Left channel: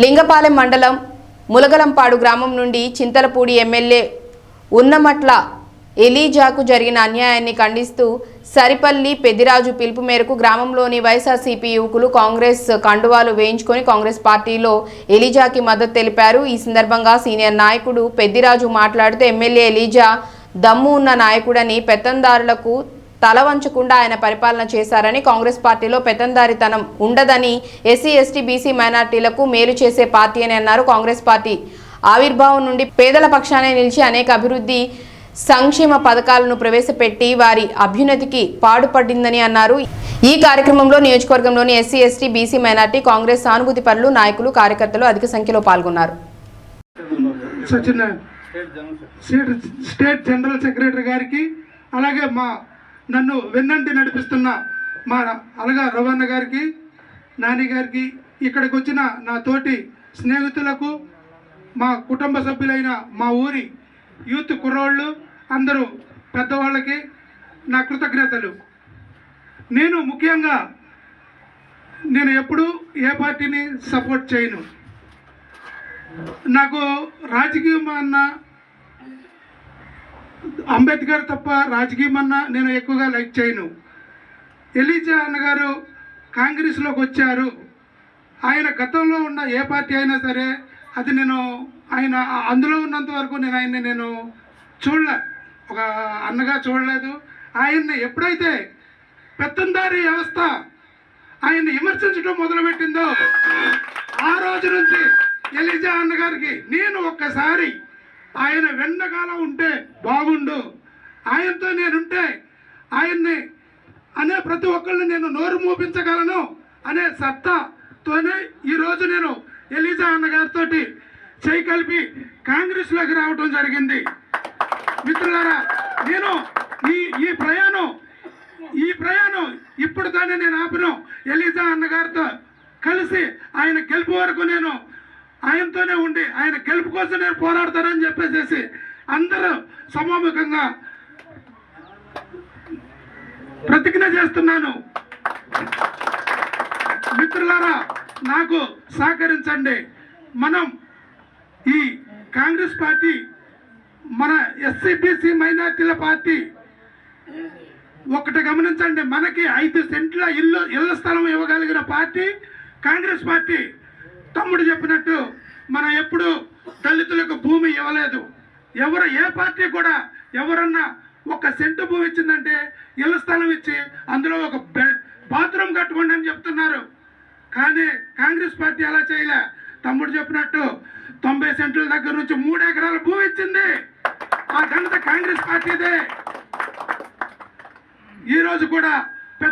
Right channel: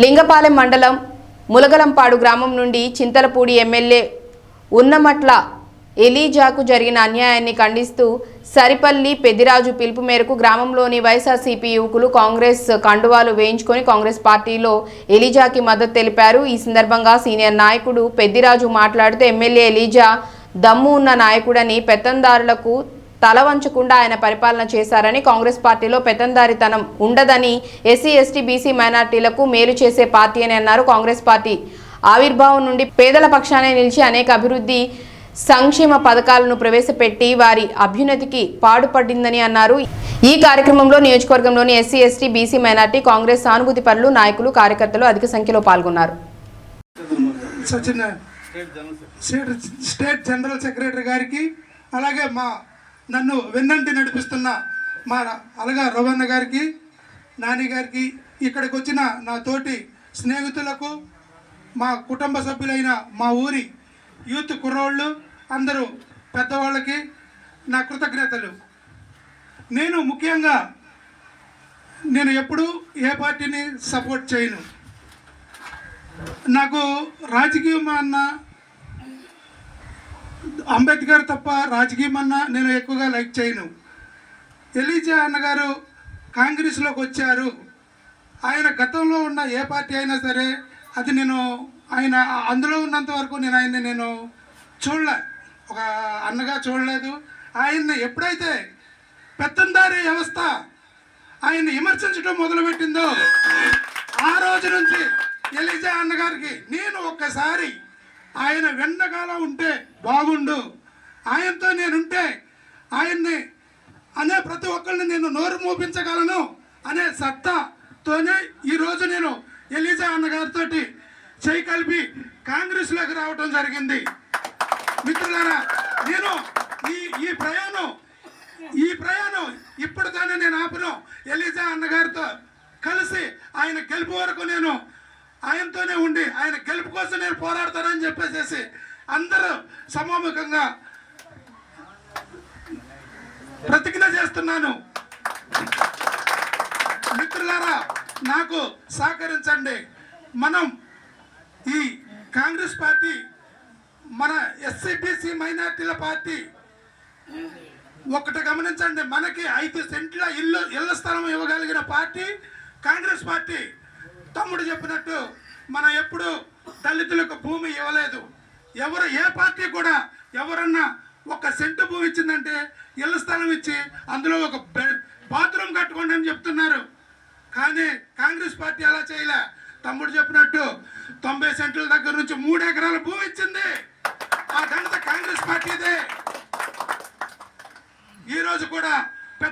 లింగపాలెం మండలం ములగలంపాడు గ్రామం నుండి చింతలపూడి ఎమ్మెల్యే ఉన్నమట్ల ఎలీజాకు జరిగిన అన్యాయాన్ని ఖండిస్తూ సరిపల్లి పెద్దిరాజు పిలుపు మేరకు గ్రామంలోని వైఎస్ఆర్సీపీ యువకులు కాంగ్రెస్ కండువాలు వేయించుకొని కాంగ్రెస్ పార్టీలో ఎలీజాకి మద్దతు తెలిపారు. ఈ సందర్భంగా సీనియర్ నాయకుడు పెద్దిరాజు మాట్లాడుతూ ఎమ్మెల్యే ఎలీజా దమ్ము ఉన్న నాయకుడని పెత్తందారులకు తల వంచకుండా ఆయన పరిపాలన చేశారని కాంగ్రెస్ పార్టీలో పెతందారితనం ఉండదని ఎస్సీ ఎస్టీ బీసీ మైనార్టీలకు మేలు చేసే పార్టీ అని అన్నారు కాంగ్రెస్ పార్టీ. ఆవిర్భావం నుండి పేదల పక్షానే నిలిచి అనేక అభివృద్ధి సంక్షేమ పథకాలను ప్రవేశపెట్టి వారి అభ్యున్నతికి పాడుపడిందని అన్నారు. ఈ కార్యక్రమంలో నియోజకవర్గంలోని SC ST BC minority Congress సానుభూతి పరులు నాయకులు కార్యకర్తలు అధిక సంఖ్యలో పాల్గొన్నారు. సచిన్ స్టేట్ జనరల్ సెక్రటరీ గారికి అలాగే మా నన్ను వెన్నంటి నడిపిస్తున్న మా అలగా రవణ గారికి నాని గారికి ఇక్కడికి వచ్చిన నా తోటి స్నేహితులకు మా కుటుంబ సభ్యులైన మా ఊరి యూత్ కుర్రోళ్ళు అందరూ పెద్దవాళ్ళకి నా కృతజ్ఞతలు. నేను ముఖ్యంగా నేను ఎప్పుడూ ఏ పార్టీని సపోర్ట్ చేయను. నాకు రాజకీయం అన్న అంబేద్కర్ తప్ప రాజకీయం అన్న నేను ఎక్కువగా లైక్ చేయను. ఎలీజా అన్నగారు కాంగ్రెస్లోకి వచ్చారు. ఆయన గతంలో ఉన్న ఏ పార్టీ అయినా సరే అది నేను ఆయన అందులో ఉన్నంత వరకు నేను ఆయన్ని నేను చూడలే ఒక అన్నగా చూడలేదు. ఆయన్ని ఎప్పుడైతే పెత్తందారి వ్యవస్థ ఆయన్ని విమర్శించడం మొదలుపెట్టిందో ఆ రోజు నుంచి ఎలిజా అన్నగారికి నేను ఒక్కసారి ఆయన వెన్నకాల ఉంటే బాగుండు. ఆయనతో నేనుంటే ఆయన్ని అనే ప్రతి ఒక్కరిని నేను నోరు మూపించగలను అనే సత్తాతోనే ఈరోజు నేను ఎలిజా అన్నగారితో చేయి కలిపి కాంగ్రెస్లోకి రావడం జరిగింది. మిత్రులారా నేను ఈ ఈ ప్రయాణం ఈ ప్రయాణం ఇప్పుడు నేను ఆపిన ఎలిజా అన్నగారితో కలిసి ఆయన గెలుపు వరకు నేను ఆయనతోనే ఉండి ఆయన గెలుపు కోసం నేను పోరాడతానని చెప్పేసేసి అందరూ సమాముఖంగా ప్రతిజ్ఞ చేస్తున్నాను. మిత్రులారా నాకు సహకరించండి. మనం ఈ కాంగ్రెస్ పార్టీ మన ఎస్సీబీసీ మైనార్టీల పార్టీ ఒకటి గమనించండి. మనకి ఐదు సెంట్ల ఇల్లు ఇళ్ళ స్థలం ఇవ్వగలిగిన పార్టీ కాంగ్రెస్ పార్టీ. తమ్ముడు చెప్పినట్టు మనం ఎప్పుడు దళితులకు భూమి ఇవ్వలేదు. ఎవరు ఏ పార్టీ కూడా ఎవరన్నా ఒక సెంటు భూమి ఇచ్చిందంటే ఇళ్ళ స్థలం ఇచ్చి అందులో ఒక బాత్రూమ్ కట్టుకోండి అని చెప్తున్నారు. కానీ కాంగ్రెస్ పార్టీ అలా చేయలే. తమ్ముడు చెప్పినట్టు తొంభై సెంట్ల దగ్గర నుంచి మూడు ఎకరాల భూమి ఇచ్చింది. ఆ ఘనత కాంగ్రెస్ పార్టీదే. ఈరోజు కూడా